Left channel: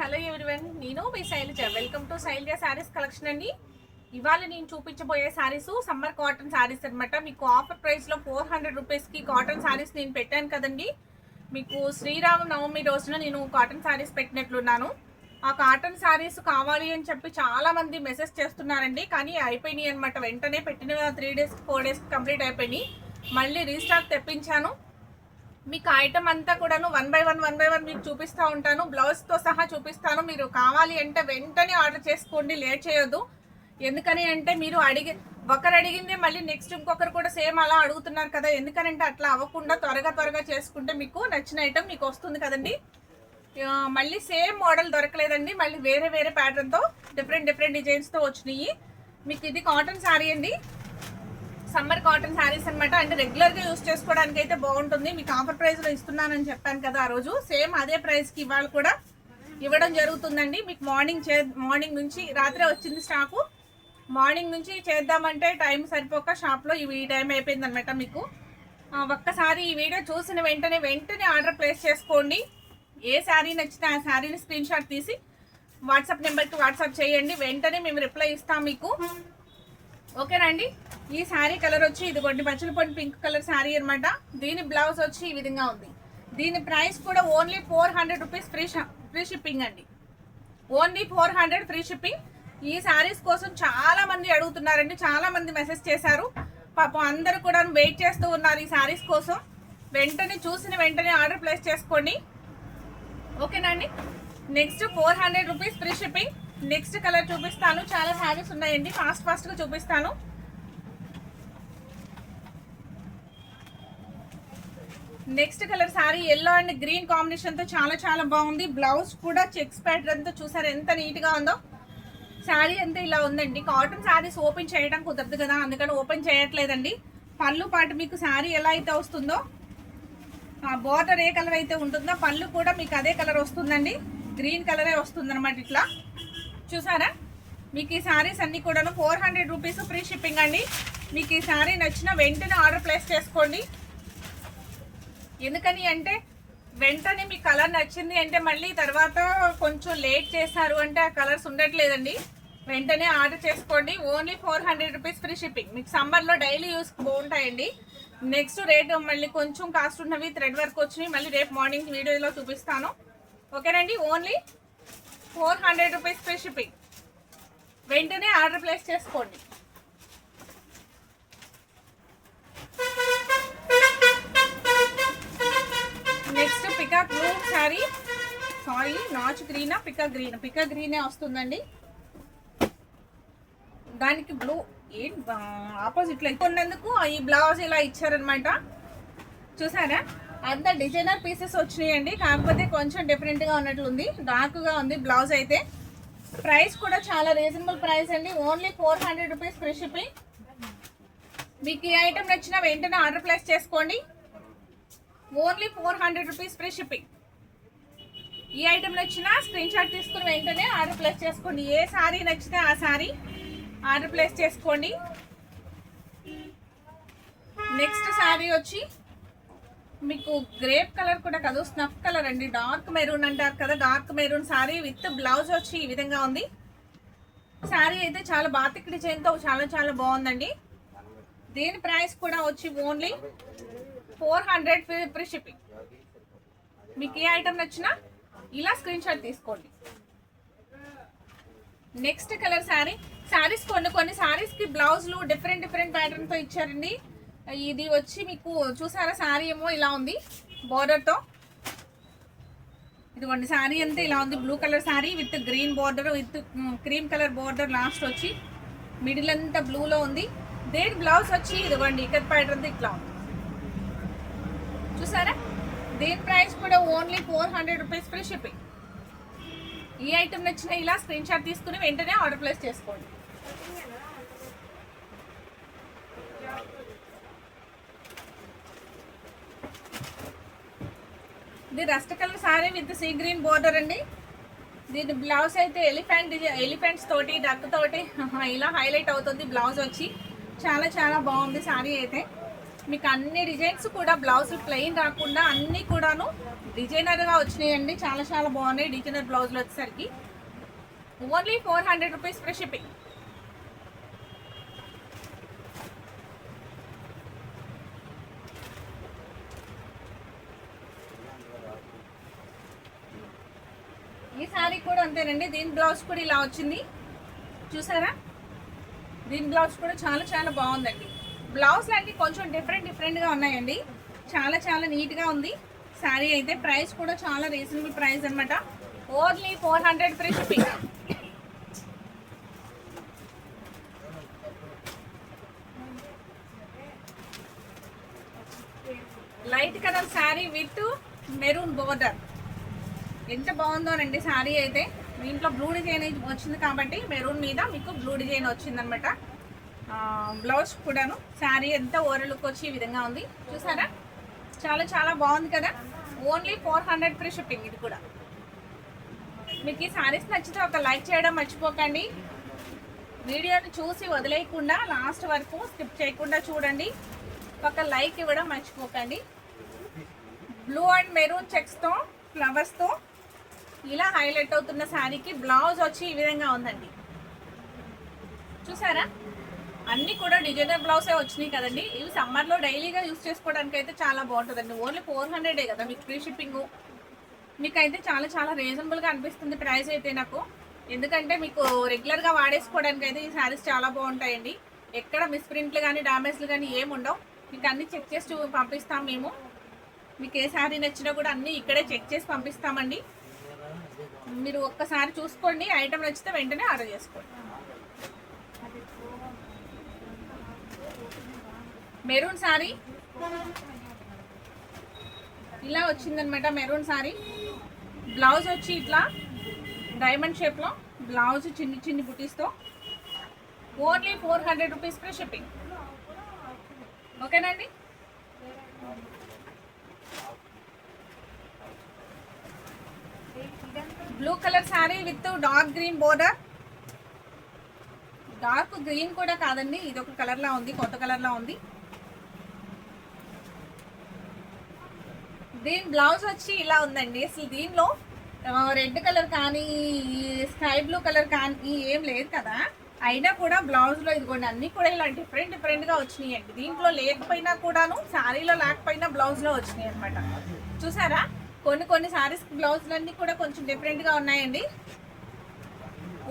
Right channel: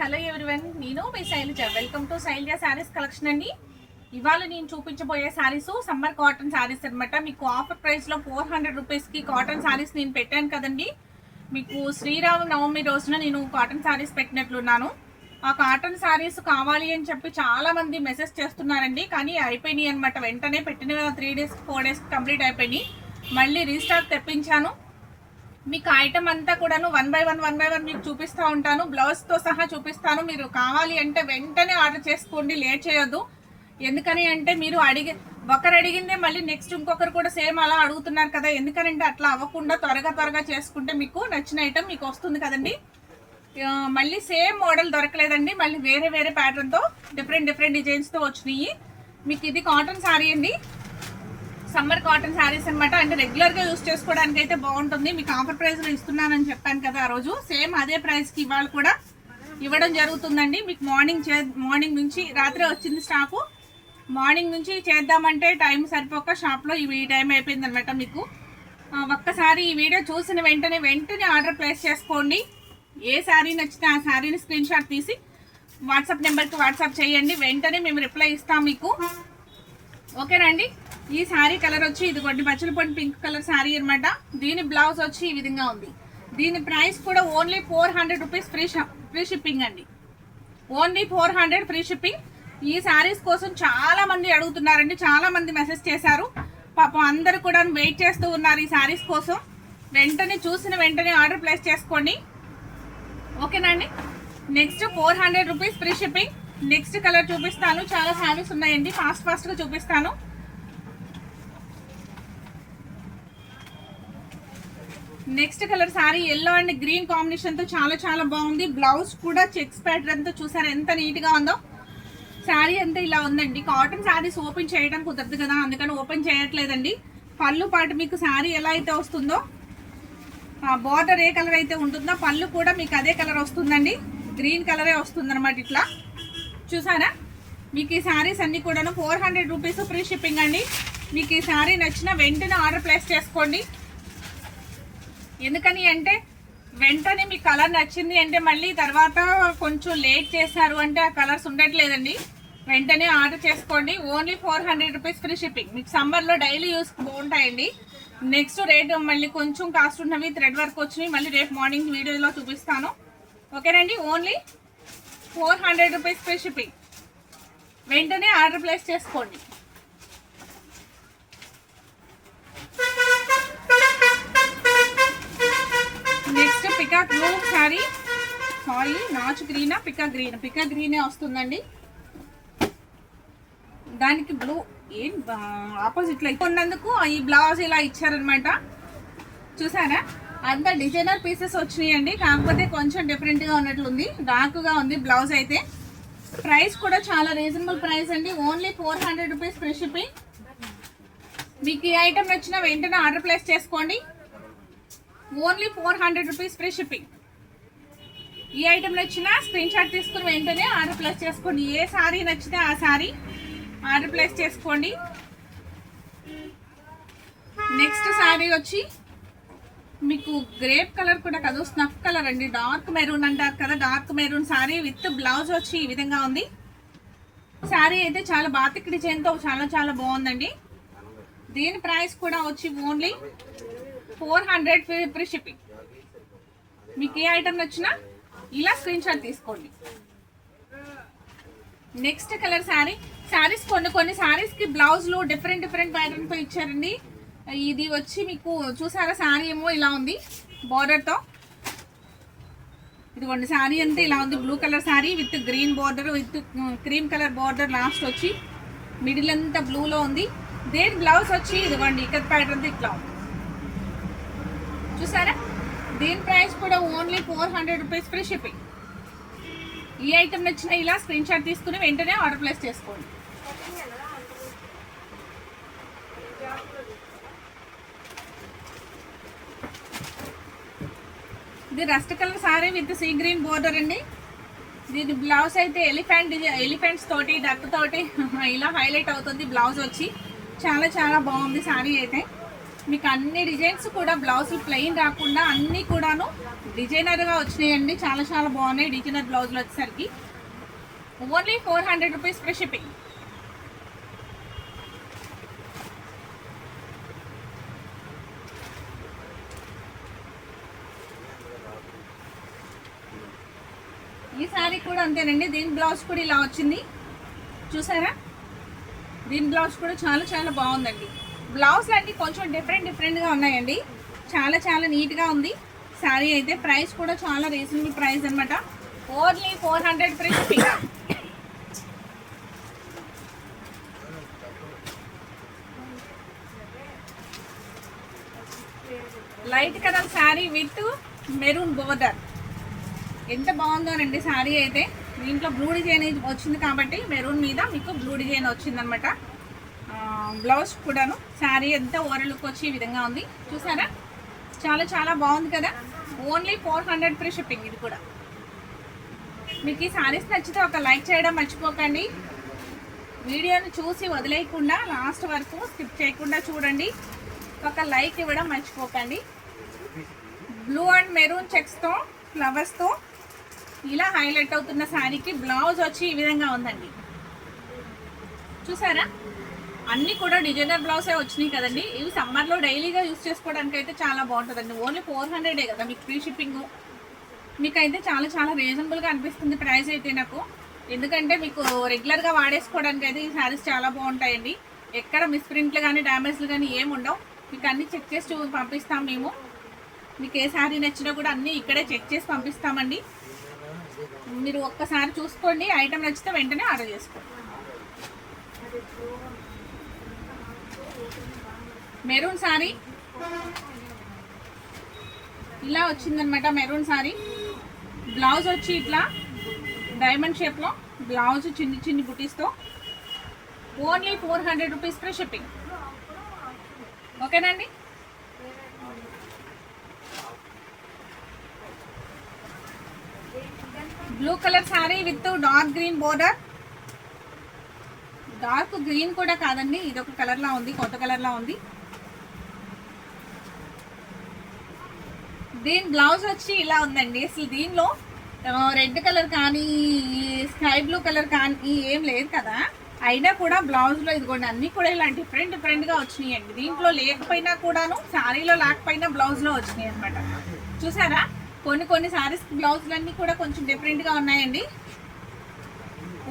Hello everyone, నేను మీ Shailaja. Welcome to Shailaja saris collection అండి. ఇవాళ నేను చూపించబోయే శారీస్ సమ్మర్ కాటన్ శారీస్ అనమాట. మీకు ఆఫర్ ప్రైస్లో 400 రూపీస్కి కాటన్ శారీస్ నేను పెట్టాను కదండి. మీకు శ్రీరామ నవమి రోజున నేను కాటన్ శారీస్ పెట్టినట్లున్నాను. ఆ కాటన్ శారీస్ కావాలి అని చెప్పి చాలామంది మెసేజ్ చేస్తున్నారండి, కానీ అయిపోయినాయి అనమాట. వెంటనే పెట్టిన 3 days 4 days కంప్లీట్ అయిపోయినాయి. మళ్ళీ రీస్టాక్ తెప్పించాను. మీకు ఐటమ్ అంతా కూడాను వన్ బై వన్ మీకు చూపిస్తూ ఉంటాను. బ్లౌజ్తో సహా చూపిస్తాను. మీరు కావాలి అంటే వెంటనే ఆర్డర్ చేసుకోండి, లేట్ చేయొద్దు. ఎందుకని అంటే మీరు ఒకరు అడిగిందే మళ్ళీ నెక్స్ట్ ఇంకొకరు కూడా సేమ్ అలా అడుగుతున్నారు కదా. ఎందుకనంటే అట్లా అవ్వకుండా త్వరగా చేసుకుంటే మీకు నచ్చిన ఐటమ్ మీకు వస్తుంది కదండి. మళ్ళీ సేమ్ మోడల్ దొరకలేదండి, మళ్ళీ వేరే ప్యాటర్న్తో డిఫరెంట్ డిజైన్స్తో వచ్చినాయి. మీకు ఇది కాటన్ శారీ అండి, సమ్మర్ కాటన్ శారీస్ అనమాట. అంటే రెగ్యులర్గా యూస్ చేసుకోవడానికి అయితే బాగుంటుంది. మీకు ఆఫర్ ప్రైస్లో ఇస్తున్నానని చెప్పాను కదా ఆ రోజు, సేమ్ అదే ప్రైస్కి ఇవాళ కూడా ఇవ్వడం జరుగుతుందండి. మీకు మార్నింగ్ నుంచి రాత్రి వచ్చింది స్టాకు. మార్నింగ్ నుంచి చేద్దామంటే టైం సరిపోక షాప్లో ఈ టైం అయిపోయింది అనమాట. మీకు ఒక్కసారి ఈ వీడియో చూసిన వెంటనే ఆర్డర్ ప్లేస్ చేసుకోండి. ఏ శారీ నచ్చితే ఆ శారీని స్క్రీన్ షాట్ తీసి వాట్సాప్ నెంబర్కి వాట్సాప్ చేయండి. వెంటనే మేము రిప్లై ఇస్తాం మీకు. ఓకేనండి. ఈ శారీ కలర్ వచ్చి ఇదిగోండి పచ్చలపొడి పింక్ కలర్ శారీ అనమాట. దీని బ్లౌజ్ వచ్చి ఈ విధంగా ఉంది. దీని ప్రైస్ కూడా ఓన్లీ 400 రూపీస్ ఫ్రీ షిప్పింగ్ అండి. Only 400 free shipping. ఈ శారీస్ కోసం చాలా మంది అడుగుతున్నారండి, చాలా మంది మెసేజ్ చేశారు. పాపం అందరు కూడా వెయిట్ చేస్తూ ఉన్నారు ఈ శారీస్ కోసం. వెంటనే చూసిన వెంటనే ఆర్డర్ ప్లేస్ చేసుకోండి. ఓకేనండి. Next 400 rupees free shipping. Next colour చూపిస్తాను. చాలా శారీస్ ఉన్నాయండి, ఫాస్ట్గా చూపిస్తాను. Next colour sari yellow and green కాంబినేషన్తో చాలా బాగుంది. బ్లౌజ్ కూడా చెక్స్ ప్యాటర్న్తో చూసారు ఎంత నీట్గా ఉందో. శారీ అంతా ఇలా ఉందండి. కాటన్ శారీస్ ఓపెన్ చేయడానికి కుదరదు కదా, అందుకని ఓపెన్ చేయట్లేదండి. పళ్ళు పాటు మీకు శారీ ఎలా అయితే వస్తుందో, బార్డర్ ఏ కలర్ అయితే ఉంటుందో పళ్ళు కూడా మీకు అదే కలర్ వస్తుందండి. గ్రీన్ కలరే వస్తుంది అనమాట. ఇట్లా చూసారా. మీకు ఈ శారీస్ అన్ని కూడా 400 రూపీస్ ఫ్రీ షిప్పింగ్ అండి. మీకు ఈ శారీ నచ్చిన వెంటనే ఆర్డర్ ప్లేస్ చేసుకోండి. ఎందుకని అంటే వెంటనే మీ కలర్ నచ్చింది అంటే మళ్ళీ తర్వాత కొంచెం లేట్ చేశారు అంటే ఆ కలర్స్ ఉండట్లేదండి. వెంటనే ఆర్డర్ చేసుకోండి. Only 400 rupees free shipping. మీకు సమ్మర్లో డైలీ యూస్ బాగుంటాయండి. నెక్స్ట్ రేటు మళ్ళీ కొంచెం కాస్ట్ ఉన్నవి థ్రెడ్ వర్క్ వచ్చినాయి, మళ్ళీ రేపు మార్నింగ్ వీడియోలో చూపిస్తాను. ఓకేనండి. Only 400 rupees free shipping. వెంటనే ఆర్డర్ ప్లేస్ చేసుకోండి. Next peacock blue sari, sorry నాచ్ గ్రీనా పికా గ్రీనే వస్తుందండి. దానికి బ్లూ ఆపోజిట్లో ఉన్నందుకు ఈ బ్లౌజ్ ఇలా ఇచ్చారనమాట. చూసారా. అంతా డిజైనర్ పీసెస్ వచ్చినాయండి, కాకపోతే కొంచెం డిఫరెంట్గా ఉన్నట్లుంది, డార్క్గా ఉంది బ్లౌజ్ అయితే. ప్రైస్ కూడా చాలా రీజనబుల్ ప్రైస్ అండి. Only 400 rupees free shipping. మీకు ఈ ఐటమ్ నచ్చిన వెంటనే ఆర్డర్ ప్లేస్ చేసుకోండి. Only 400 rupees free shipping. ఈ ఐటమ్ నచ్చినా స్క్రీన్ షాట్ తీసుకుని వెంటనే ఆర్డర్ ప్లేస్ చేసుకోండి. ఏ శారీ నచ్చితే ఆ శారీ ఆర్డర్ ప్లేస్ చేసుకోండి. నెక్స్ట్ శారీ వచ్చి మీకు గ్రేప్ కలర్ కూడా కాదు, స్నఫ్ కలర్ అండి. డార్క్ మెరూన్ అంటారు కదా, dark maroon sari with blouse వచ్చి ఈ విధంగా ఉంది. శారీ అయితే చాలా బాతిక్ డిజైన్తో చాలా బాగుందండి. దీని ప్రైస్ కూడా వచ్చి ఓన్లీ 400 ఫ్రీ షిప్పింగ్. మీకు ఏ ఐటమ్ నచ్చినా ఇలా స్క్రీన్ షాట్ తీసుకోండి. నెక్స్ట్ కలర్ శారీస్ కొన్ని శారీస్కి బ్లౌజ్లు డిఫరెంట్ ప్యాటర్న్తో ఇచ్చారండి. ఇది వచ్చి మీకు చూసారా, శారీ ఏమో ఇలా ఉంది బార్డర్తో. ఇదిగోండి శారీ అంతా ఇలా ఉంది. Blue colour sari with green border with cream colour border, last వచ్చి మిడిల్ అంతా బ్లూలో ఉంది. దేని బ్లౌజ్ వచ్చి ఇదిగోండి ఇక్కత్ ప్యాటర్న్తో ఇట్లా ఉంది. చూసారా. దీని ప్రైస్ కూడా ఓన్లీ 400 రూపీస్ ఫ్రీ షిప్పింగ్. ఈ ఐటమ్ నచ్చిన ఇలా స్క్రీన్ షాట్ తీసుకుని వెంటనే ఆర్డర్ ప్లేస్ చేసుకోండి. ఇది rust colour sorry with sea green border అండి. దీని బ్లౌజ్ అయితే ఎలిఫెంట్స్ తోటి డక్ తోటి ఇలా హైలైట్ అవుతుంది. బ్లౌజ్ వచ్చి చాలా బాగుంది శారీ అయితే. మీకు అన్ని డిజైన్స్ కూడా బ్లౌజ్ ప్లెయిన్ రాకుండా అన్నీ కూడాను డిజైనర్గా వచ్చినాయండి. చాలా చాలా బాగున్నాయి డిజైనర్ బ్లౌజులు వచ్చేసరికి. Only 400 rupees free shipping. ఈ సారీ కూడా అంతేనండి. దీని బ్లౌజ్ కూడా ఇలా వచ్చింది చూసారా. దీని బ్లౌజ్ కూడా చాలా చాలా బాగుందండి. బ్లౌజ్లు అన్నీ కొంచెం డిఫరెంట్గా ఉన్నాయండి. చాలా చాలా నీట్గా ఉంది శారీ అయితే. ప్రైస్ కూడా చాలా రీజనబుల్ ప్రైస్ అనమాట. Only 400 free shipping. Light colour sari with maroon border. ఎంత బాగుందోనండి శారీ అయితే. దీంట్లో బ్లూ డిజైన్ వచ్చింది కాబట్టి మెరూన్ మీద మీకు బ్లూ డిజైన్ వచ్చిందనమాట. బ్లౌజ్ కూడాను శారీ ఎంత ఓవర్ లుక్ వచ్చి ఈ విధంగా ఉంది చూసారా. చాలా చాలా బాగుంది కదా. Only 400 free shipping. ఇది కూడా మీకు ఈ శారీస్ నచ్చితే ఒక లైక్ చేయడం మర్చిపోకండి. వీడియోని చూసి వదిలేయకుండా లాస్ట్ వరకు స్కిప్ చేయకుండా చూడండి. ఒక లైక్ ఇవ్వడం మర్చిపోకండి. బ్లూ అండ్ మెరూన్ చెక్స్తో ఫ్లవర్స్తో ఇలా హైలైట్ అవుతున్న శారీకి బ్లౌజ్ వచ్చి ఈ విధంగా ఉందండి చూసారా. అన్నీ కూడా డిజైనర్ బ్లౌజే వచ్చినాయి కదండి. ఇవి సమ్మర్లో డైలీగా యూజ్ చేసుకోవడానికి అయితే చాలా బాగుంటుందండి. ఓన్లీ 400 కదా మీకు ఫ్రీ షిప్పింగ్. మీకైతే చాలా చాలా రీజనబుల్గా అనిపిస్తుంది ప్రైస్ అయితే నాకు. ఎందుకంటే మీకు రెగ్యులర్గా వాడేసుకోవడానికి అయితే ఈ శారీస్ చాలా బాగుంటాయండి. ఎక్కడ మిస్ప్రింట్లు కానీ డ్యామేజ్లు కానీ ఏమి ఉండవు. మీకు అన్నీ చెక్ చేసి పంపిస్తాం మేము. మీకు ఏ శారీ నచ్చినా కూడా అన్నీ ఇక్కడే చెక్ చేసి పంపిస్తామండి. మీరు ఒక్కసారి చూసుకోండి. ఐటమ్ నచ్చితే వెంటనే ఆర్డర్ చేసుకోండి. మెరూన్ శారీ ఇలా వచ్చిందనమాట. మెరూన్ శారీ బ్లౌజ్ వచ్చి ఇట్లా డైమండ్ షేప్లో బ్లౌజ్ చిన్ని చిన్ని బుటీస్తో. Only 400 rupees free shipping. ఓకేనండి. Blue colour sari with dark green border. Dark green కూడా కాదండి, ఇది ఒక కలర్లా ఉంది, కొత్త కలర్లా ఉంది. దీని బ్లౌజ్ వచ్చి ఇలా ఉందండి. అసలు దీనిలో రెడ్ కలర్ కానీ స్కై బ్లూ కలర్ కానీ ఏం లేదు కదా. అయినా కూడా బ్లౌజ్లో ఇదిగోండి అన్నీ కూడా ఇలా డిఫరెంట్గా వచ్చినాయి అండి. దీంట్లో లేకపోయినా కూడాను శారీలో లేకపోయినా బ్లౌజ్లో వచ్చినాయి అనమాట చూసారా. కొన్ని శారీస్ బ్లౌజులన్నీ కూడా కొంచెం డిఫరెంట్గా ఉన్నాయండి.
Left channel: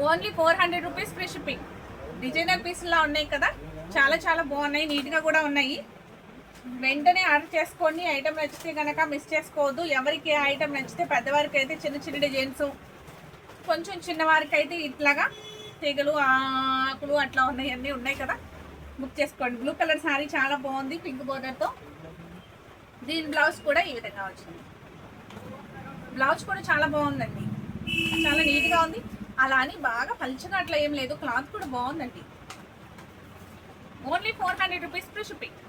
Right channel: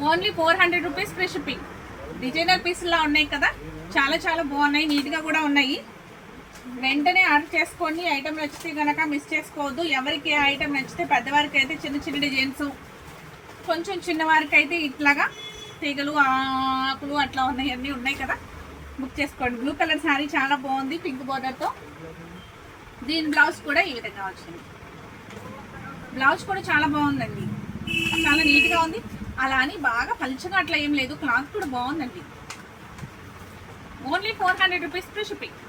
Only 400 rupees free shipping. Designer పీసులా ఉన్నాయి కదా, చాలా చాలా బాగున్నాయి, నీట్గా కూడా ఉన్నాయి. వెంటనే ఆర్డర్ చేసుకొని ఐటమ్ నచ్చితే కనుక మిస్ చేసుకోవద్దు. ఎవరికి ఐటమ్ నచ్చితే పెద్దవారికి అయితే చిన్న చిన్న డిజైన్స్, కొంచెం చిన్నవారికి అయితే ఇట్లాగా తీగలు ఆకులు అట్లా ఉన్నాయి, అన్నీ ఉన్నాయి కదా, బుక్ చేసుకోండి. బ్లూ కలర్ శారీ చాలా బాగుంది పింక్ బోర్డర్తో. దీని బ్లౌజ్ కూడా ఈ విధంగా వచ్చింది. బ్లౌజ్ కూడా చాలా బాగుందండి, చాలా నీట్గా ఉంది. అలా అని బాగా పలుచగా అట్లా ఏం లేదు, క్లాత్ కూడా బాగుందండి. Only 400 rupees free shipping.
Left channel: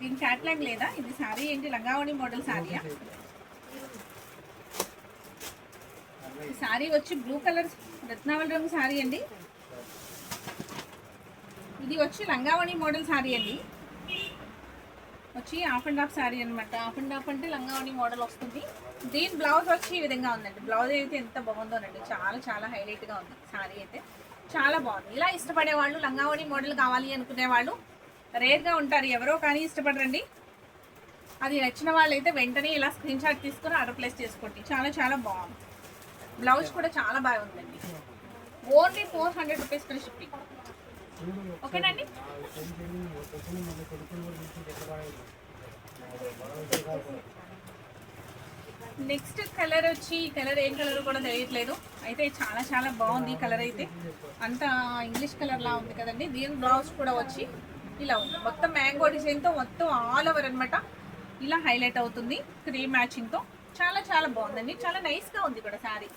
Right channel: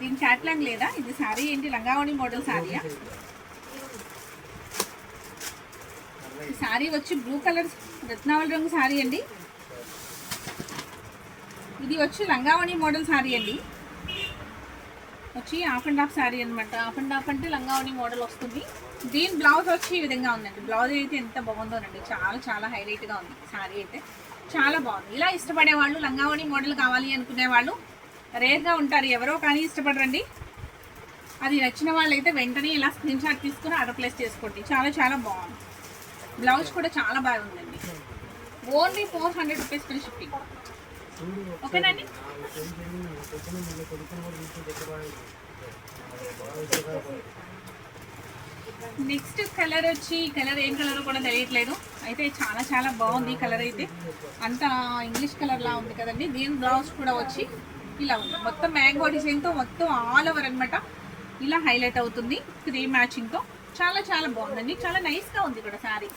దీని చాట్లాంగ్ లేదా, ఇది శారీ ఏంటి లంగావణి మోడల్ శారీయా? ఈ శారీ వచ్చి బ్లూ కలర్ రత్నావళి రంగు శారీ అండి. ఇది వచ్చి లంగావణి మోడల్ శారీ అండి. వచ్చి హాఫ్ అండ్ హాఫ్ శారీ అనమాట. హాఫ్ అండ్ హాఫ్ అంటే లంగావణి మోడల్ వస్తుంది. దీని బ్లౌజ్ వచ్చి ఈ విధంగా ఉందండి. బ్లౌజ్ అయితే ఎంత బాగుందోనండి, చాలా చాలా హైలైట్గా ఉంది శారీ అయితే, చాలా బాగుంది. ఇలా ఇష్టపడే వాళ్ళు, లంగావణి మోడల్ కావాలి అనుకునే వాళ్ళు రేర్గా ఉంటారు, ఎవరో కానీ ఇష్టపడరండి. అది నచ్చిన వాళ్ళైతే వెంటనే ఇలా స్క్రీన్ షాట్ తీసుకుని ఆర్డర్ ప్లేస్ చేసుకోండి. చాలా చాలా బాగుంది. బ్లౌజ్ కూడా చాలా బాగుందండి. Only 400 rupees free shipping. ఓకేనండి. నెక్స్ట్ కలర్ వచ్చి, ఈ కలర్ ఏం కలర్ కూడా తెలియట్లేదు, అయితే చాలా చాలా బాగుంది. ఈ కలర్ అయితే అంత ఇంగ్లీష్ కలర్లా ఉంది కదండి. దీని బ్లౌజ్ కూడా వచ్చి ఇలా ఉంది, మొత్తం మ్యాంగో డిజైన్తో మొత్తం ఆల్ ఓవర్ అనమాట ఇలా హైలైట్ అవుతుంది, 3 మ్యాచింగ్తో. చాలా చాలా బాగుందండి, చాలా నైస్గా ఉంది ఇక్కడ శారీ.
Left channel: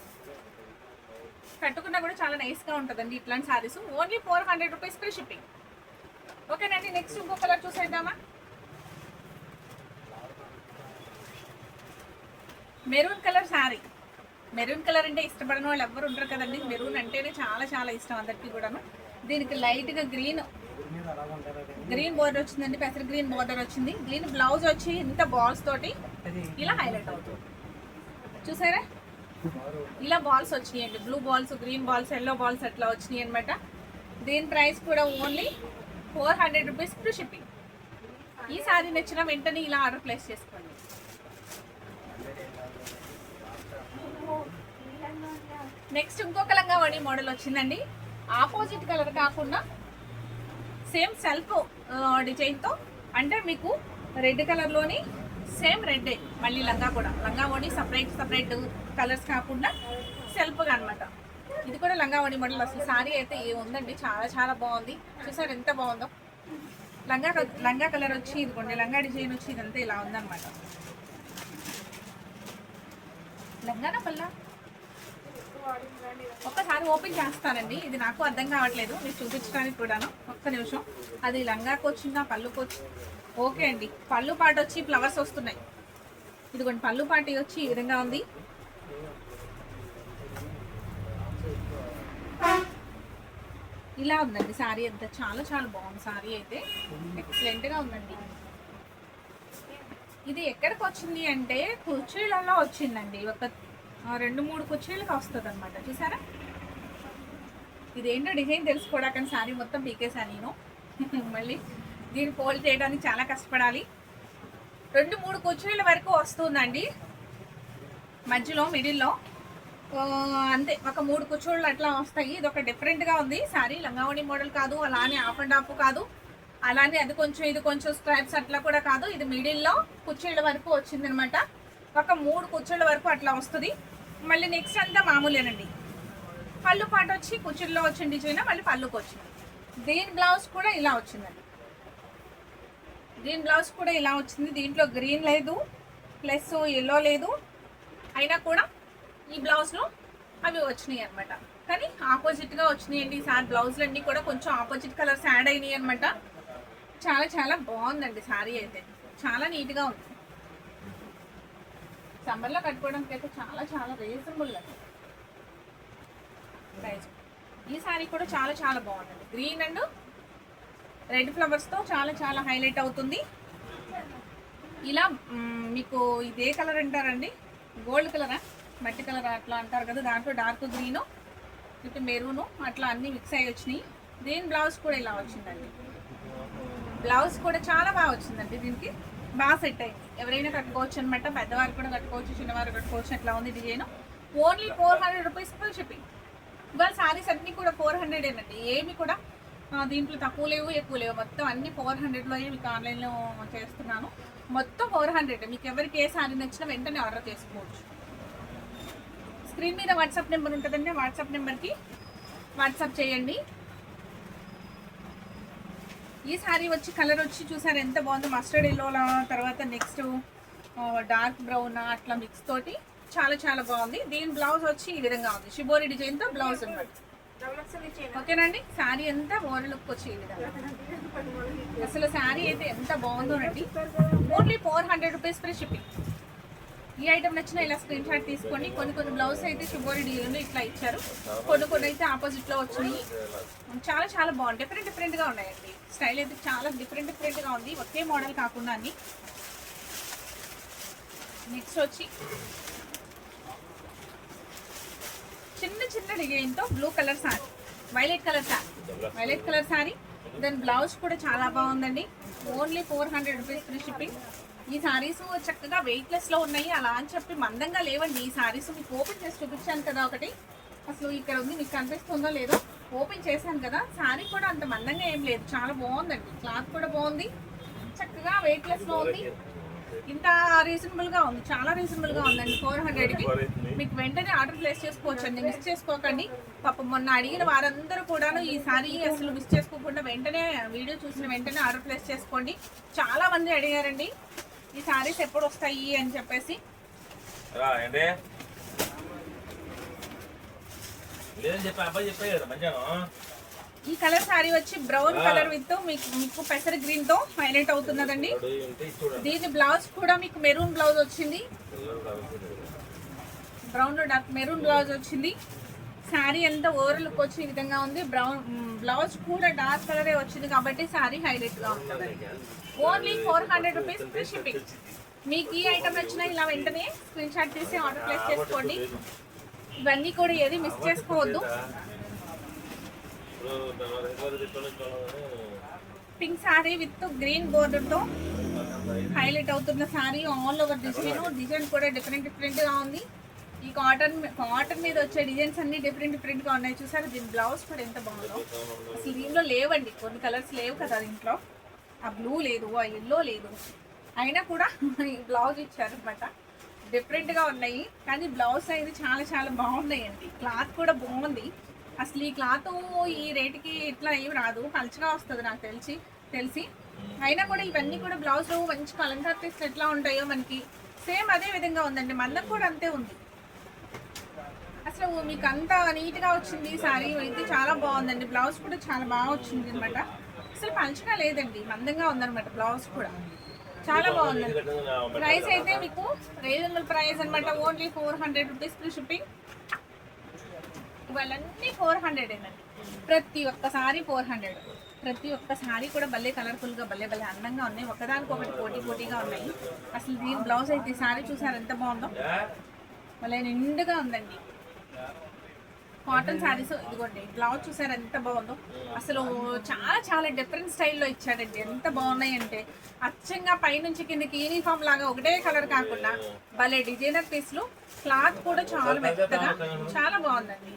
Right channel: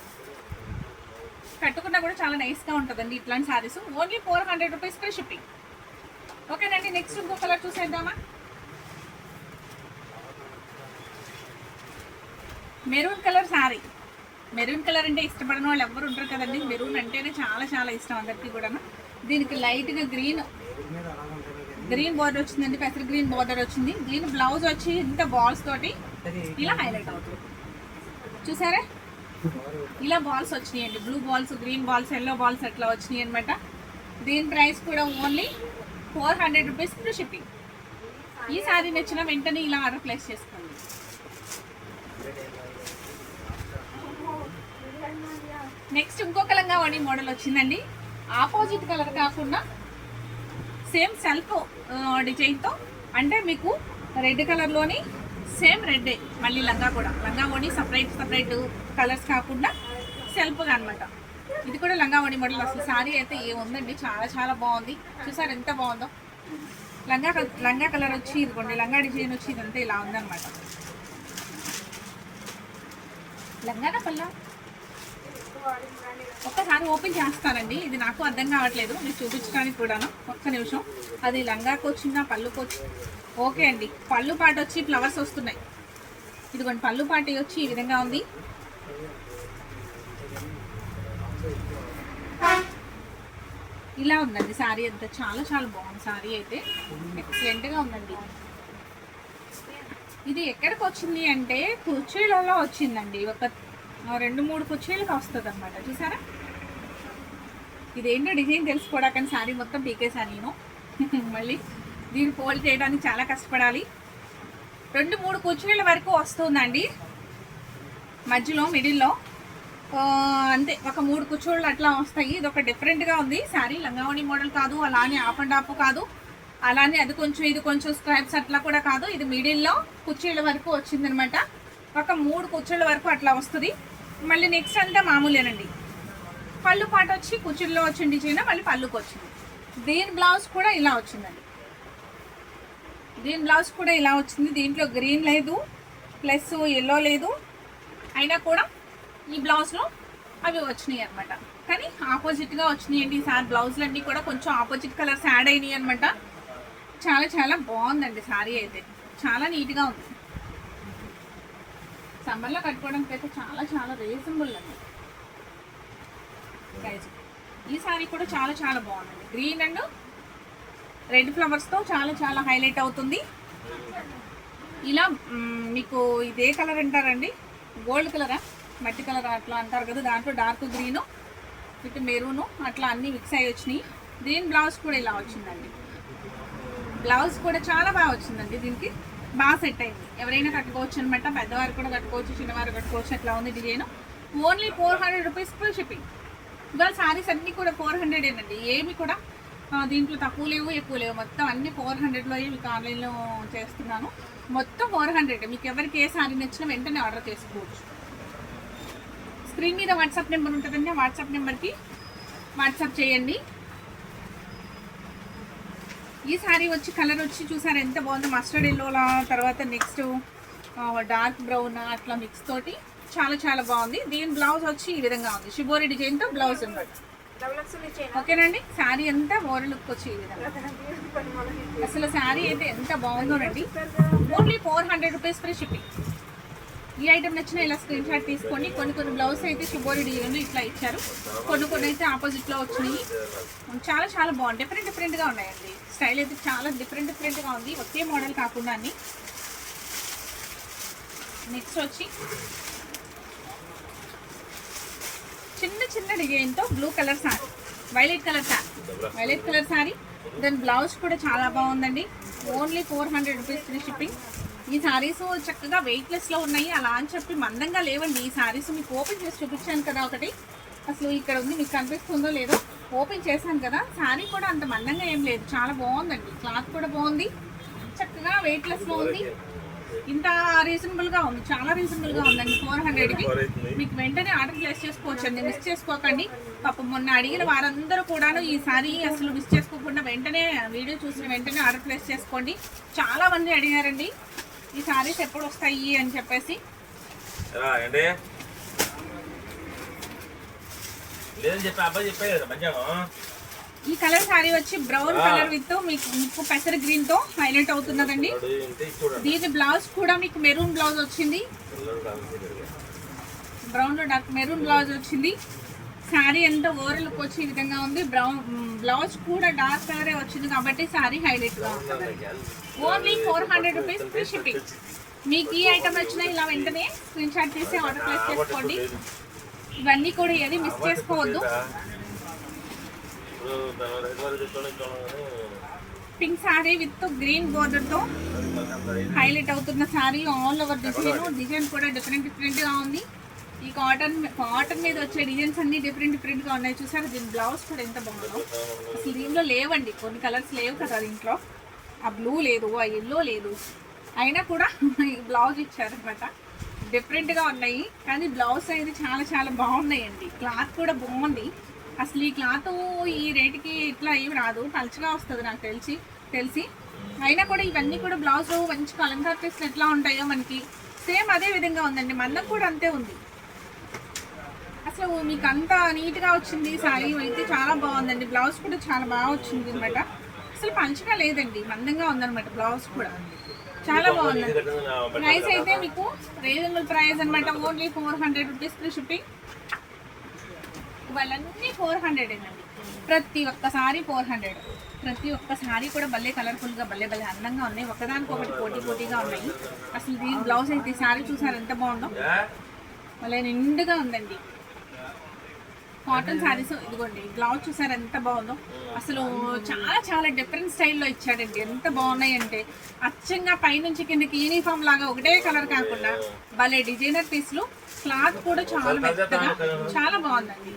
కట్టుకున్నా కూడా చాలా నైస్గా ఉంటుందండి ఇట్లాంటి saris. Only 400 rupees free shipping. ఓకేనండి. నెక్స్ట్ ఇంకో కలర్ చూసేద్దామా. Maroon colour sari, maroon colour అంటే ఇష్టపడని వాళ్ళు ఎవరు ఉంటారు కదండి. మెరూన్ అంటేనే చాలా చాలా ఇష్టం అందరికీ కూడాను. దీనికి లైట్గా గ్రీన్ బోర్డర్ వచ్చిందండి, పెసర గ్రీన్ బోర్డర్ వచ్చింది. దీని బ్లౌజ్ వచ్చి ఇంత బాల్స్ తోటి ఇలా హైలైట్ అవుతుంది. చూసారా, ఇలా బాల్స్ వచ్చినాయండి, blue balls, green balls, yellow balls అట్లా వచ్చినాయి అనమాట. దీని ప్రైస్ కూడా ఓన్లీ 400 రూపీస్ ఫ్రీ షిప్పింగ్. ఈ సారీ నచ్చిన వెంటనే ఇలా ఆర్డర్ ప్లేస్ చేసుకోండి. నెక్స్ట్ ఇంకొక లంగావణి మోడల్ వచ్చిందండి. ఆపోజిట్ కలర్ కాకుండా సేమ్ సెల్ఫ్ డిజైన్తో, అంటే మీకు రెడ్ కలర్లోని సేమ్ రెడ్డే మళ్ళీ లంగా కూడా. లంగావణి సపరేట్ కలర్స్ కాకుండా సెల్ఫ్గా అనమాట. ఇది కూడా లంగావణి మోడల్. అసలు సారీ అయితే ఏముందండి, చాలా చాలా బాగుంది. చూసారు ఎంత బాగుందో. లంగా కలర్ వచ్చి ఇదిగోండి, లంగా డిజైన్ వచ్చి ఇదంతా ఇలా ఉందన్నమాట. లంగానా పల్లా ఒక్కసారి ఓపెన్ చేస్తానండి, ఇది నాకు అర్థం కావట్లేదు మీకు చూపించడానికి కూడాను. ఒక్క నిమిషం. అది లంగాకు వచ్చిందా పళ్ళుకి వచ్చి? ఓకే అండి, పళ్ళు పాట వచ్చి ఫ్లవర్స్ వస్తున్నాయి. ఇదిగోండి పళ్ళు పాటి వచ్చి ఈ విధంగా ఉంది. ఇలా ఉందండి సారీ అంతా. చాలా చాలా బాగుంది సారీ అయితే, ఎక్సలెంట్గా ఉందండి. ఇది ఎక్కడికి వచ్చింది అంటే కుర్చీలలో వచ్చిందండి. ఒక 2-3 కుర్చీలకు వస్తుంది అనమాట. చూసారా, ఇదేంటో డిజైన్ తెలుసుకోవడా, కానీ సారీ మొత్తం పీకేసాను నేను. మళ్ళీ దీన్ని ఫోల్డ్ చేయడానికి చాలా కష్టపడాలి. 2-3 కుర్చీల వరకు వస్తుందండి మధ్యలో, మిడిల్లో అంతే. ఒక 3 కుర్చీలు అట్లా వస్తాయి. ఇది ఒక డిఫరెంట్గా ఉంది సారీ. లంగావణి మోడల్ కాదు, అలానే ఆఫ్ అండ్ ఆఫ్ కాదు, అలానే అది కొంచెం ఇది కొంచెం స్ట్రైప్స్ అట్లా కూడా కాదు. ఇది మిడిల్లో కుర్చీల వరకు వచ్చిందనమాట. ఒక 3 కుర్చీల వరకు అట్లా వస్తుంది. మళ్ళీ నెక్స్ట్ అంతా మామూలేనండి. పళ్ళు పాట వచ్చి కుర్చీల్లో వచ్చిన డిజైన్ మళ్ళీ పళ్ళుకి వచ్చింది. దీని బ్లౌజ్ కూడా ఇలా వచ్చిందండి. దీని బ్లౌజ్ కూడా ఇలా వచ్చింది. దీంట్లో గ్రీన్ లేదు, ప్లస్ ఎల్లో లేదు, అయినా కూడా ఈ బ్లౌజ్లో అవి వచ్చినాయి అనమాట. కానీ ఆపోజిట్గా వచ్చినాయండి ఈసారి బ్లౌజులు అన్నీ కూడా కొంచెం ఆపోజిట్ కలర్స్ యాడ్ అయినాయి అనమాట. చాలా చాలా బాగుందండి సారీ అయితే, చాలా నీట్గా ఉంది. సమ్మర్లో కట్టుకోవడానికి అయితే చాలా చాలా రీజనబుల్ అండి ప్రైస్. ఈ సారీ కూడా చాలా చాలా బాగుందండి. గ్రీన్ అండ్ రెడ్ ఫ్లవర్స్తో చాలా చాలా హైలైట్ అవుతుంది. ఇలా మీకు ఇదే కలర్ అంటారండి, గోల్డ్ కలరా మట్టి కలర్ అట్లా అంటారు కదా, దాంట్లో డార్క్ గ్రీను విత్ మెరూను అట్లా అన్నీ మిక్స్ అయ్యి వచ్చినాయి. దీని బ్లౌజ్ కూడా ఇలా వచ్చిందండి. బ్లౌజ్ కూడా చాలా బాగా వచ్చిందండి. దీనికి బాగా సెట్ అయింది. ఎవరైనా కట్టుకోవచ్చు అనమాట, పెద్దవారు కూడా కట్టుకోవచ్చు, చిన్నవారు కట్టుకోవచ్చు. అట్లా ఉంది design. Only 400 rupees full shipping. ఇవాళ శారీస్ అన్నీ కూడా 400 ఏనండి. ఏమి కూడా దీంట్లో తక్కువ లేవు ఎక్కువ లేవు, మొత్తం అన్ని 400లో మీకు ఆన్లైన్లో చేస్తున్నాను. మొత్తం 400. మీకు ఎవరికి ఏ శారీ నచ్చినా వెంటనే ఆర్డర్ చేసుకోవచ్చు. స్క్రీన్ మీద వాట్సాప్ నెంబర్ ఉంటుందండి, వాట్సాప్ నెంబర్కి వాట్సాప్ చేయండి. ఈ శారీ వచ్చి కలర్ వచ్చి చూసారు ఎంత బాగుందో, మస్టర్డ్ ఎల్లోలా, తర్వాత నెక్స్ట్ డార్క్ బ్రౌన్ అట్లా మిక్స్ తోటి చాలా చాలా బాగుంది. దీని బ్లౌజ్ వచ్చి ఈ విధంగా ఉంది, షిబోరి డిజైన్తో బ్లౌజ్ ఉంది. ఓకేనండి, శారీ అంతా ఓవర్ లుక్ వచ్చి ఈ విధంగా. అసలు శారీ అయితే ఎంత బాగుందోనండి. Only 400 rupees free shipping. ఈ ఐటమ్ నచ్చినా ఇలా స్క్రీన్ షాట్ తీసుకోండి. కొన్ని బ్లౌజ్ అయితే షిబోరి డిజైన్ ఇట్లా ఇచ్చారు, కొన్ని అయితే ఆపోజిట్లో వచ్చినాయి. చాలా చాలా బాగుంది, డిఫరెంట్గా ఉన్నాయండి. స్టైల్ అయితే చాలా డిఫరెంట్గా ఉంది, ఒకే మోడల్ కాకుండా అన్ని. నెక్స్ట్ వచ్చి చిన్న డిజైన్తో blue colour sari, violet colour sari. దాని బ్లౌజ్ కూడా చాలా బాగుందండి. Only 400 rupees free shipping. ఈ శారీస్ చక్కగా వెయిట్లెస్లో ఉన్నాయి, అలా అని చెప్పి మందంగా లేవండి. ఈ శారీస్ మీకు ఓపెన్ చేసి చూపించాను కదా ఒకటి, అసలు ఇక్కడ ఉంది, మీకు కనిపిస్తుందో లేదో, ఓపెన్ చేశాను కదా. శారీ కూడా అంత మందంగా ఏం లేదు, చాలా బాగుందండి. క్లాత్ కూడా బాగుంది, చక్కగా వెయిట్లెస్లో ఉంది. ఇంత రీజనబుల్గా ఉంది, చాలా రీజనబుల్గా ఉందండి. 400కి మీకు వెంటనే ఆర్డర్ ప్లేస్ చేసుకోవచ్చు అండి, మిస్ చేసుకోకండి. పాపం మొన్న అడిగిన వారందరూ కూడాను ఈ సారీ అసలు మిస్ చేసుకోకుండా వెంటనే వీడియో చూసిన వెంటనే ఆర్డర్ ప్లేస్ చేసుకోండి. చాలా మంది అడిగారండి ఈ సారీస్ ఎప్పుడు వస్తాయి అని చెప్పేసి. ఈ కలర్ శారీ వచ్చి బ్రౌన్ కలర్ విత్ మీకు పెసర గ్రీన్ తో హైలైట్ అవుతున్నదండి. దీని బ్లౌజ్ కూడా మీకు మెరూన్ బ్లౌజ్ వచ్చింది. బ్రౌన్లో డార్క్ మెరూన్ బ్లౌజ్ వచ్చింది. శారీ అంతా ఓవరాల్ లుక్ వచ్చి ఈ విధంగా ఉంది. బ్లౌజ్ కూడా డార్క్ కలరే వచ్చింది కాబట్టి శారీ హైలైట్గా ఉంటుంది. Only 400 rupees free shipping. మీకు ఈ ఐటమ్ వచ్చినా ఇలా వెంటనే స్క్రీన్ షాట్ తీసి ఆర్డర్ ప్లేస్ చేసుకోండి. ఇవన్నీ కూడా ఏది మిస్ చేసుకోవద్దు. పింక్ శారీ విత్ గ్రీన్ బోర్డర్తో హైలైట్ అవుతున్న శారీ. ఆల్ ఓవర్ డిజైన్ కూడా డిఫరెంట్గా ఉంది. ఈ కాటన్ మీద వచ్చే డిజైన్స్ అన్ని డిఫరెంట్గా ఉన్నాయి. చూసారు దీని బ్లౌజ్ కూడా ఎంత బాగుందో. అసలు దీనిలో లేవండి, కొన్ని కలర్స్ లేవు కదా దీంట్లో. ఆ బ్లూ లేదు, ఆ ఎల్లో లేదు, అయినా కూడా బ్లౌజ్ ఇచ్చారనమాట. డిఫరెంట్గా ఉన్నాయి కానీ బ్లౌజ్ అనేది చాలా బాగున్నాయండి. క్లాత్ కూడా బాగుంది. అసలు ఈ క్లాత్ ఈ రేటుకి ఇట్లా ఏమి రాదు, పలుచగా వస్తుంది నాకు తెలిసి. అయినా కూడా ఇవన్నీ కూడా బ్లౌజ్ మంచి కలంకార పీస్లు ఎట్లా ఉంటాయో మనకి సేమ్ అదే విధంగా ఉందండి. మందం కూడా అంతే ఉంది. అసలు మీకు అంత నీట్గా వచ్చింది శారీ అయితే చాలా బాగుందండి. బ్లౌజ్ కూడా చాలా బాగా వచ్చింది అనమాట. అసలు పంచగా లేదండి, మందంగా ఉందన్నమాట. బ్లౌజ్ కూడా చాలా బాగుంది. ప్రైస్ అయితే మీకు రీజనబుల్ ప్రైస్ అనమాట. Only 400 rupees free shipping. ఇవన్నీ 400 అండి. ప్రతి ఒక్క సారీ 400. ప్రతి ఒక్క సారీ కూడా భలే కలర్ఫుల్గా భలే అందంగా ఉన్నాయి. ఒకదానికొకటి పోటీగా ఉన్నాయి. అసలు దీని బ్లౌజ్ అయితే ఈ సారీ చూసారు ఎంత బాగుందో, భలే నిండుగా ఉందండి. కాటన్ శారీస్ ఇదిగోండి, బ్లౌజ్ చూసారు ఎంత బాగుందో. అసలు చాలా డిఫరెంట్ స్టైల్లో ఇచ్చాడండి. ఎంత బాగున్నాయి అంటే అచ్చంగా పైనుంచి కిందకి యూనిఫామ్ లాగా ఒకటే కలర్ కాకుండా భలే డిజైనర్ పీస్లు. క్లాత్ కూడా చాలా మెత్తగా చాలా బాగుందండి.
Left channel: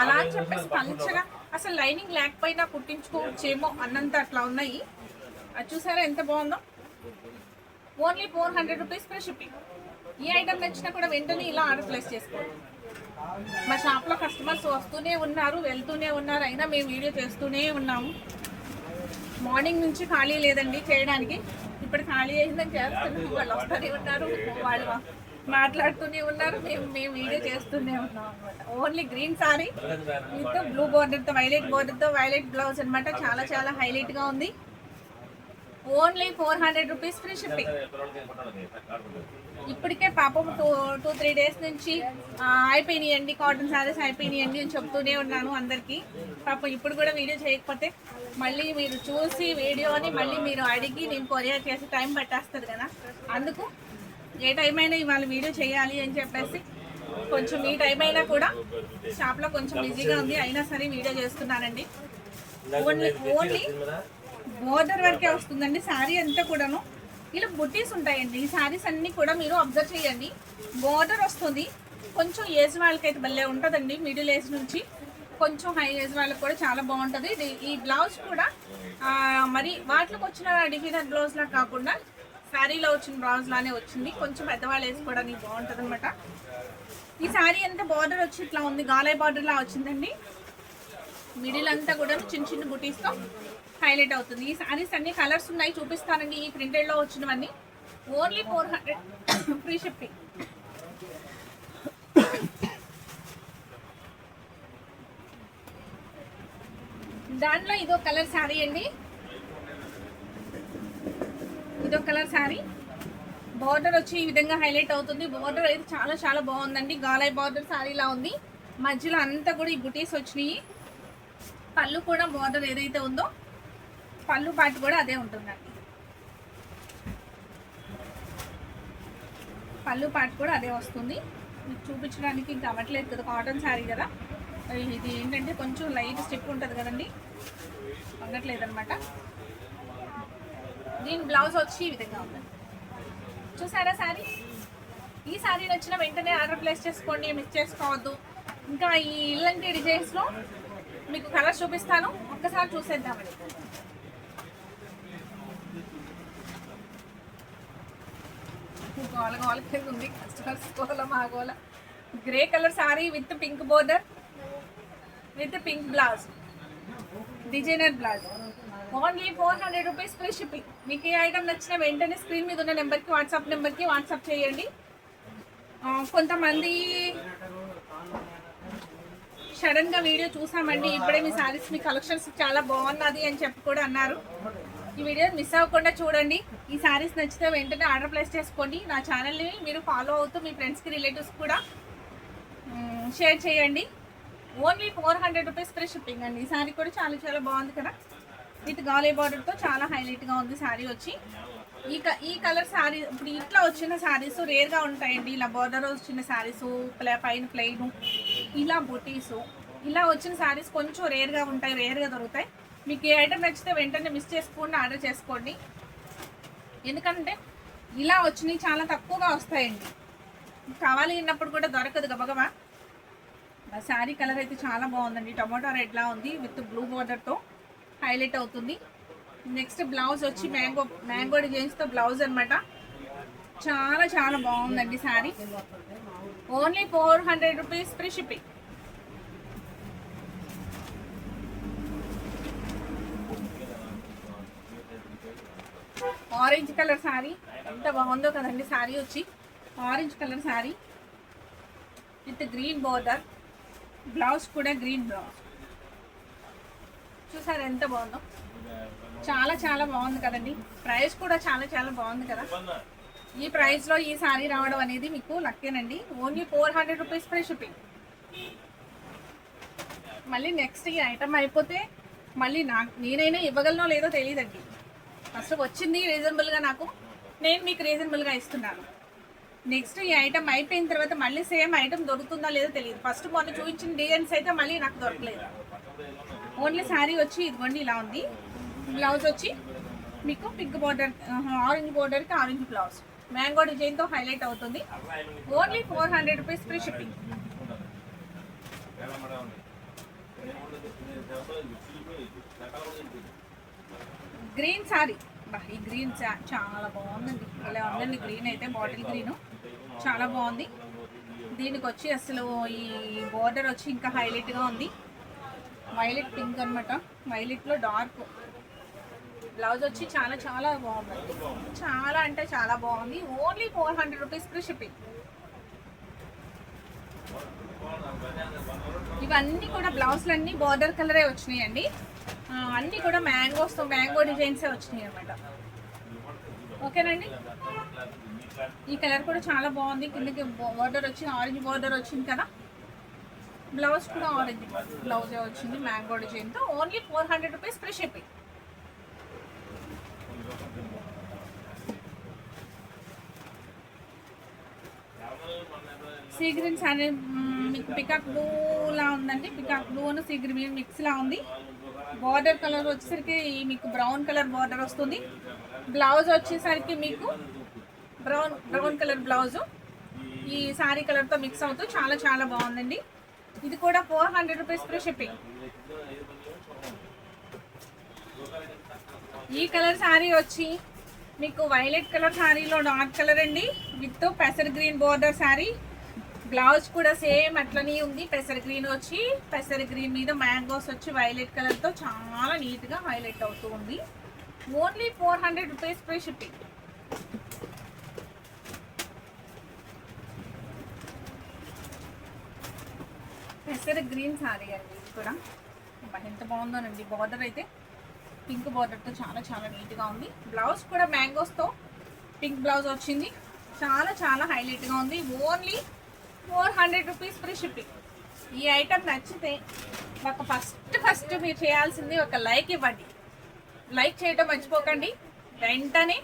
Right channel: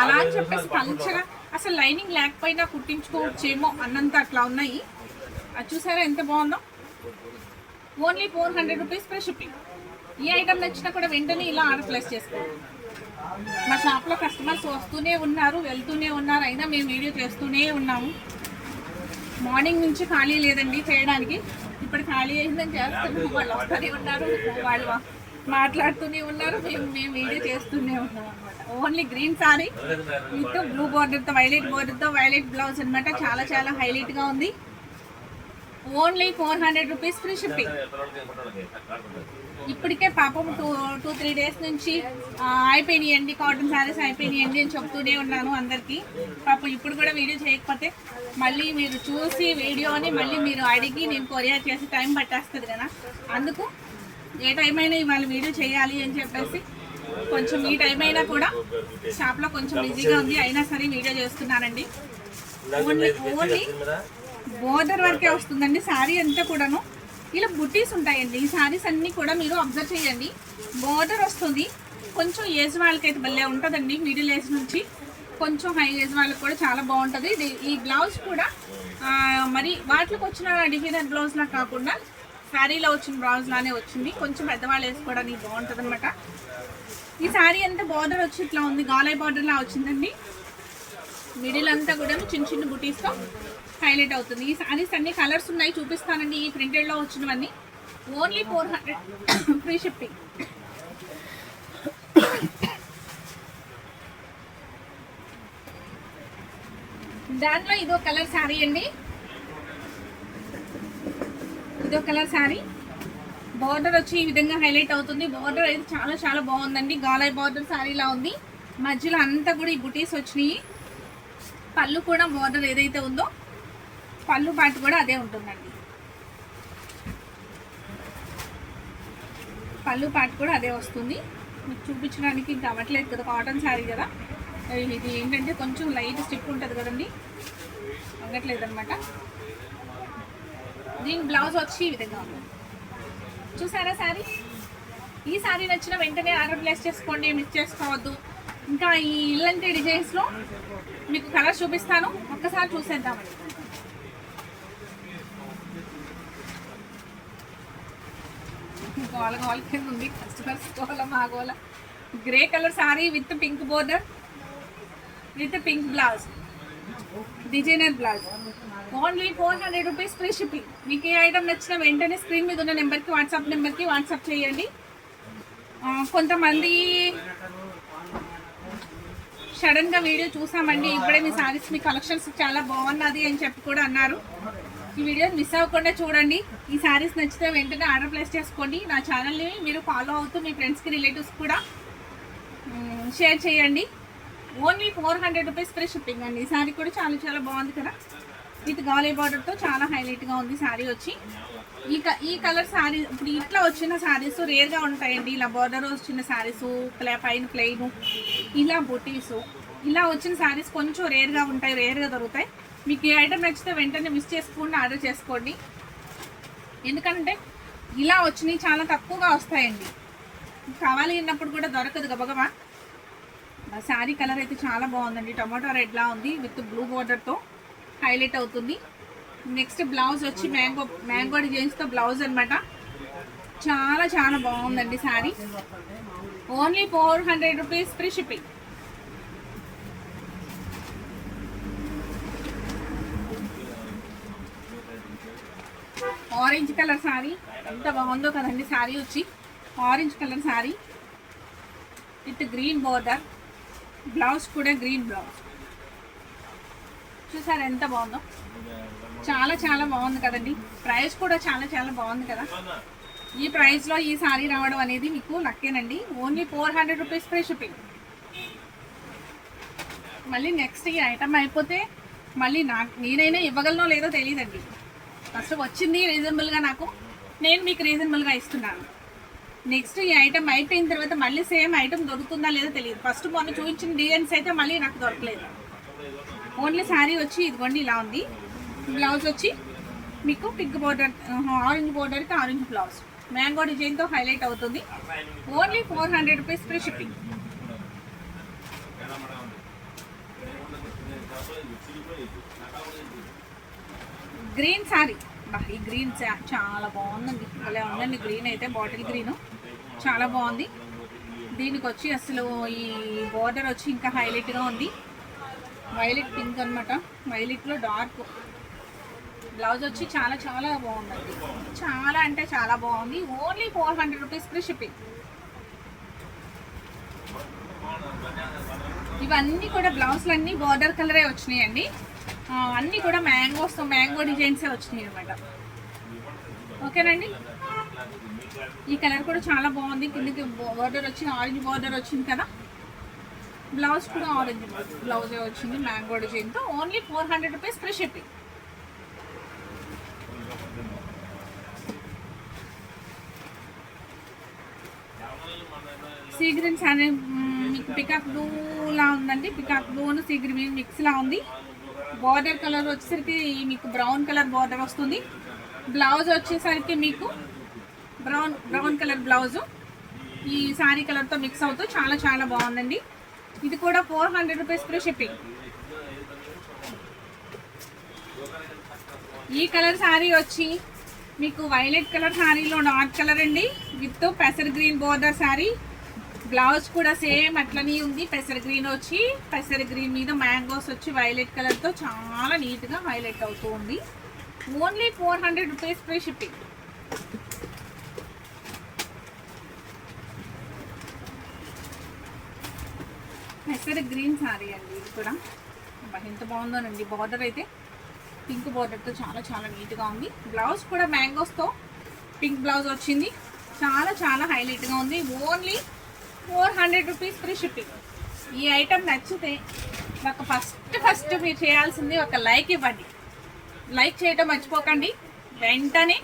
అలా అని చెప్పేసి పంచగా అసలు లైనింగ్ లేకపోయినా కుట్టించుకోవచ్చేమో అన్నంత అట్లా ఉన్నాయి. అది చూసారా ఎంత బాగుందో. Only 400 rupees free shipping. ఈ ఐటమ్ నచ్చినా కూడా వెంటనే ఇలా ఆర్డర్ ప్లేస్ చేసుకోండి. మా షాప్లో కస్టమర్స్ వస్తూనే ఉన్నారు, వెళ్తూనే ఉన్నారు, అయినా మేము వీడియో చేస్తూనే ఉన్నాము. మార్నింగ్ నుంచి ఖాళీ లేదండి చేయడానికి. ఇప్పుడు ఖాళీ అయిందని చేస్తున్నాము. వాళ్ళు వస్తూనే ఉన్నారు, వాళ్ళు మాట్లాడుతూనే ఉన్నారు, మేము వీడియో చేస్తూనే ఉన్నాం అనమాట. Only green sari with blue బోర్డర్తో వైలెట్ బ్లౌజ్ అనమాట. చాలా హైలైట్గా ఉంది. Only 400 rupees free shipping. ఇప్పటికే పాపం 2-3 డేస్ నుంచి అయిపోయినాయండి, కాటన్ శారీస్ అయిపోయినాయండి అని చెప్తూనే ఉన్నాను అందరికీ. పాపం ఇప్పుడు కూడా వీడియో చేయకపోతే మళ్ళీ మీరు చూసి వీడియోని మళ్ళీ మీరు అడిగి నేను కొరియర్ చేసి టైం పట్టేస్తుంది కదా. అందుకు ఏ టైం అయినా ఇవాళ వీడియో చేయాలి అని చెప్పేసి కొంచెం ఈ టైం అయినా కూడా షాప్లో కొంచెం బిజీగా ఉంది, అయినా సరే వీడియో చేస్తున్నానండి. ఓన్లీ బోర్డర్ వరకే వస్తుందండి శారీ అంతా కూడాను. ఇలా బుట్టీస్ ఉంటాయండి. ఈ శారీస్ అన్నీ కూడా మీరు అబ్జర్వ్ చేయండి. బోర్డర్ వస్తుంది. కొంచెం ఏజ్ వాళ్ళకైతే భలే ఉంటుందండి. మిడిల్ ఏజ్ నుంచి కొంచెం హై ఏజ్ వాళ్ళకి కూడా చాలా బాగుంటుంది. ఈ బ్లౌజ్ కూడా మరి వాటికి వచ్చిన డిజైనర్ బ్లౌజ్లా కాకుండా శారీలో వచ్చిన బ్లౌజ్ లానే వచ్చింది. కొంచెం పెద్దవాళ్ళు వేసుకోవడానికి బాగుంటుంది అనమాట. ఈ శారీ అంతా బార్డర్ వచ్చి ఇట్లా ఉంది, గాలై బార్డర్లా వచ్చిందండి. మిడిల్ అంతా కూడా చిన్న బుటీస్తో హైలైట్ అవుతుంది. ఈ శారీస్ అన్ని కలర్స్ ఉన్నాయి, చూపిస్తానండి. ఈ ప్రింటెడ్లో వచ్చినవన్నీ ఓన్లీ 400 ఫ్రీ షిప్పింగ్. దాంట్లో ఇదో కలర్ శారీ అండి. ఇదో కలర్ శారీ. బార్డర్ వచ్చి ఈ విధంగా హైలైట్ అవుతుంది. బార్డర్ అయితే చాలా బాగుందండి. గాలై బార్డర్ శారీలా ఉంది. మధ్యలో అంతా కూడా ఈ బుటీస్ వచ్చినాయి. పళ్ళు కూడా బార్డర్ ఏదైతే ఉందో పళ్ళు పాటు కూడా అదే ఉంటుందండి. పళ్ళు పాటు కూడా అదే వస్తుంది. మీకు చూపించడానికి ఇంకా అవ్వట్లేదు కదా, కాటన్ శారీ కదా. ఇది ఏంటంటే కొంచెం లైట్ స్టిక్ ఉంటుంది కదండి, అవ్వట్లేదు అనమాట. దీని బ్లౌజ్ వచ్చి ఈ విధంగా ఉంది. చూసారా శారీ? ఈ శారీ నచ్చిన వెంటనే ఆర్డర్ ప్లేస్ చేసుకోండి, మిస్ చేసుకోవద్దు. ఇంకా ఈ ఇలాంటి డిజైన్స్లో మీకు కలర్ చూపిస్తాను, ఒక్కసారి చూసేద్దామండి. గోల ఉంది, కస్టమర్స్ గోల మా గోల. Grey colour sari with pink border with pink blouse, designer blouse. Only 400 rupees free shipping. మీకు ఏ ఐటమ్ నచ్చిన వెంటనే స్క్రీన్ మీద ఉన్న నెంబర్కి వాట్సాప్ చేయండి. కొంతమంది సడన్గా వీడియో చూసామండి, ఇప్పుడే మీ శారీస్ మీ కలెక్షన్స్ చాలా బాగున్నది అని చెప్పి కూడా అన్నారు. ఈ వీడియో మిస్ అవ్వకుండా చూడండి. ఈ శారీస్ నచ్చితే వెంటనే ఆర్డర్ ప్లేస్ చేసుకోండి. నా ఛానల్ని మీరు ఫాలో అవుతూ మీ ఫ్రెండ్స్కి రిలేటివ్స్ కూడా షేర్ చేయండి. ఓన్లీ 400 రూపీస్ ఫ్రీ షిప్పింగ్ అండి. ఈ శారీ కూడా చాలా చాలా బాగుంది కదా, విత్ గాలే బార్డర్తో చాలా హైలైట్గా ఉంది శారీ వచ్చి. ఈ కలర్ శారీ ఇప్పుడు ఇట్లా వచ్చిన శారీస్ రేర్గా ఉంటాయండి. ఇలా బార్డర్ వచ్చిన శారీస్, పైన ప్లెయిన్, ఇలా బుటీస్, ఇలా వచ్చిన శారీస్ కొంచెం రేర్గా ఉంటాయి, రేర్గా దొరుకుతాయి. మీకు ఏ ఐటమ్ నచ్చితే వెంటనే మిస్ చేసుకోండి, ఆర్డర్ చేసుకోండి. ఎందుకంటే ఇలా వచ్చినవి చాలా తక్కువగా వస్తాయండి. కావాలి అన్నప్పుడు కూడా దొరకదు గబగబా. శారీ కలర్ అయితే చాలా బాగుందండి. టొమాటో రెడ్లా ఉంది విత్ బ్లూ బార్డర్తో హైలైట్ అవుతుంది. నెక్స్ట్ బ్లౌజ్ వచ్చి మ్యాంగో డిజైన్స్తో బ్లౌజ్ అనమాట. చాలా చాలా బాగుందండి sari. Only 400 rupees free shipping. Orange colour sari ఎంత బాగుందో కదండి. శారీ వచ్చి orange colour sari with green border, blouse కూడా గ్రీన్ బ్లౌజ్. చూసారా ఎంత బాగుందో, చాలా చాలా బాగుంది కదండి. ప్రైస్ కూడా చాలా చాలా బాగుంది కదా. ఈ ప్రైస్లో ఈ శారీ రావడం అనేది మీకు లక్కేనండి. Only 400 rupees free shipping. మళ్ళీ నెక్స్ట్ ఈ ఐటమ్ అయిపోతే మళ్ళీ నేనైనా ఇవ్వగలనో లేదో తెలియదండి. ఫస్ట్ వచ్చింది రీజనబుల్గా, నేను మీకు రీజనబుల్గా ఇస్తున్నాను. నెక్స్ట్ ఈ ఐటమ్ అయిపోయిన తర్వాత మళ్ళీ సేమ్ ఐటమ్ దొరుకుతుందా లేదో తెలియదు. ఫస్ట్ మొన్న చూపించిన డిజైన్స్ అయితే మళ్ళీ నాకు దొరకలేదు. ఓన్లీ శారీ వచ్చి ఇదిగోండి ఇలా ఉంది. బ్లౌజ్ వచ్చి మీకు పింక్ బార్డర్, ఆరెంజ్ బార్డర్కి ఆరెంజ్ బ్లౌజ్, మ్యాంగో డిజైన్తో హైలైట్ అవుతుంది. Only 400 rupees free shipping. Green sari, ఈ గ్రీన్ చాలా బాగుందండి. అలా ఉందండి. గ్రీన్ అయితే బాటిల్ గ్రీన్ చాలా బాగుంది. దీనికి వచ్చి అసలు ఈ బార్డర్ వచ్చి ఇంకా హైలైట్గా ఉంది. వైలెట్ పింక్ అనమాట, వైలెట్లో డార్క్. బ్లౌజ్ వచ్చి చాలా చాలా బాగుందండి. చాలా అంటే చాలా బాగుంది. Only 400 rupees free shipping. ఇవన్నీ కూడా బ్లౌజ్లు అన్నీ బార్డర్ కలరే వచ్చినాయండి. అన్నీ కూడా మ్యాంగో డిజైన్సే వచ్చినాయి అనమాట. ఓకేనండి. ఈ కలర్ కూడా చాలా బాగుంది. కిందకి బార్డర్ వచ్చింది, ఆరెంజ్ బార్డర్ వచ్చింది కదా. బ్లౌజ్ కూడా ఆరెంజ్ బ్లౌజే వచ్చింది మ్యాంగో డిజైన్తో. Only 400 rupees free shipping. Sea green sari మీకు పికాక్ బ్లూలా ఉందండి. పికాక్ బ్లూను సీ గ్రీన్ మిక్స్లా ఉంది. బార్డర్ కలర్ వచ్చేసరికి మీకు బ్రౌన్ కలర్ బార్డర్ వస్తుంది. బ్లౌజ్ వచ్చేసరికి మీకు బ్రౌన్ కలర్ బ్లౌజు ఈ శారీ కలర్తో మిక్స్ అవుతూ చాలా చాలా బాగుందండి. ఇది కూడా 400 రూపీస్ ఫ్రీ షిప్పింగ్. ఈ కలర్ శారీ వచ్చి మీకు వైలెట్ కలర్ శారీలో డార్క్ కలర్ అండి, విత్ పెసర్ గ్రీన్ బోర్డర్ శారీ. బ్లౌజ్ కూడా సేమ్ అట్లనే ఉంది. పెసర్ గ్రీన్ వచ్చి పెసర్ గ్రీన్ మీద మ్యాంగోస్ వచ్చి వైలెట్ కలర్తో చాలా నీట్గా హైలైట్ అవుతూ ఉంది. Only 400 rupees free shipping. పెసర్ గ్రీన్ శారీ అండి. ఇది కూడా ఎంత బాగుందోనండి. బార్డర్ అయితే పింక్ బార్డర్తో చాలా చాలా నీట్గా ఉంది. బ్లౌజ్ కూడా మ్యాంగోస్తో పింక్ బ్లౌజ్ వచ్చింది. చాలా చాలా హైలైట్గా ఉంది. Only 400 rupees free shipping. ఈ ఐటమ్ నచ్చితే నాకు ఫస్ట్ మీరు చేయాల్సింది ఒక లైక్ ఇవ్వండి. లైక్ చేయడం మర్చిపోకండి. వెంటనే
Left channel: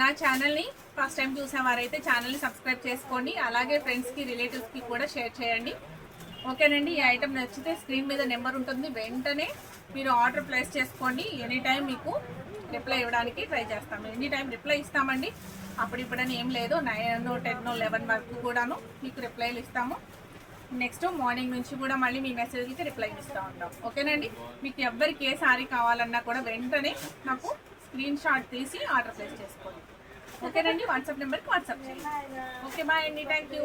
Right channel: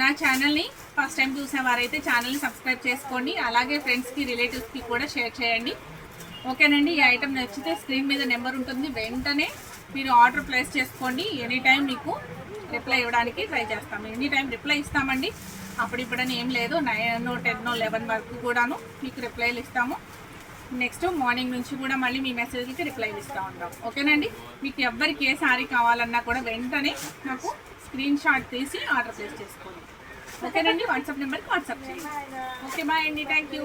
నా ఛానల్ని ఫస్ట్ టైం చూసేవారైతే ఛానల్ని సబ్స్క్రైబ్ చేసుకోండి. అలాగే ఫ్రెండ్స్కి రిలేటివ్స్కి కూడా షేర్ చేయండి. ఓకేనండి. ఈ ఐటమ్ నచ్చితే స్క్రీన్ మీద నెంబర్ ఉంటుంది, వెంటనే మీరు ఆర్డర్ ప్లేస్ చేసుకోండి. ఎనీ టైం మీకు రిప్లై ఇవ్వడానికి ట్రై చేస్తాము. ఎనీ టైం రిప్లై ఇస్తామండి. అప్పుడిప్పుడని ఏం లేదు, 9, 10, 11 వరకు కూడాను మీకు రిప్లైలు ఇస్తాము. నెక్స్ట్ మార్నింగ్ నుంచి కూడా మళ్ళీ మీ మెసేజ్కి రిప్లై ఇస్తూ ఉంటాం. ఓకేనండి. మీకు ఎవ్వరికి ఏ శారీ కావాలన్నా కూడా వెంటనే నాకు స్క్రీన్ షాట్ తీసి ఆర్డర్ ప్లేస్ చేసుకోండి. ఓకేనండి. వాట్సాప్ నెంబర్కి వాట్సాప్ చేయండి. ఓకే బాయ్ అండి. Thank you.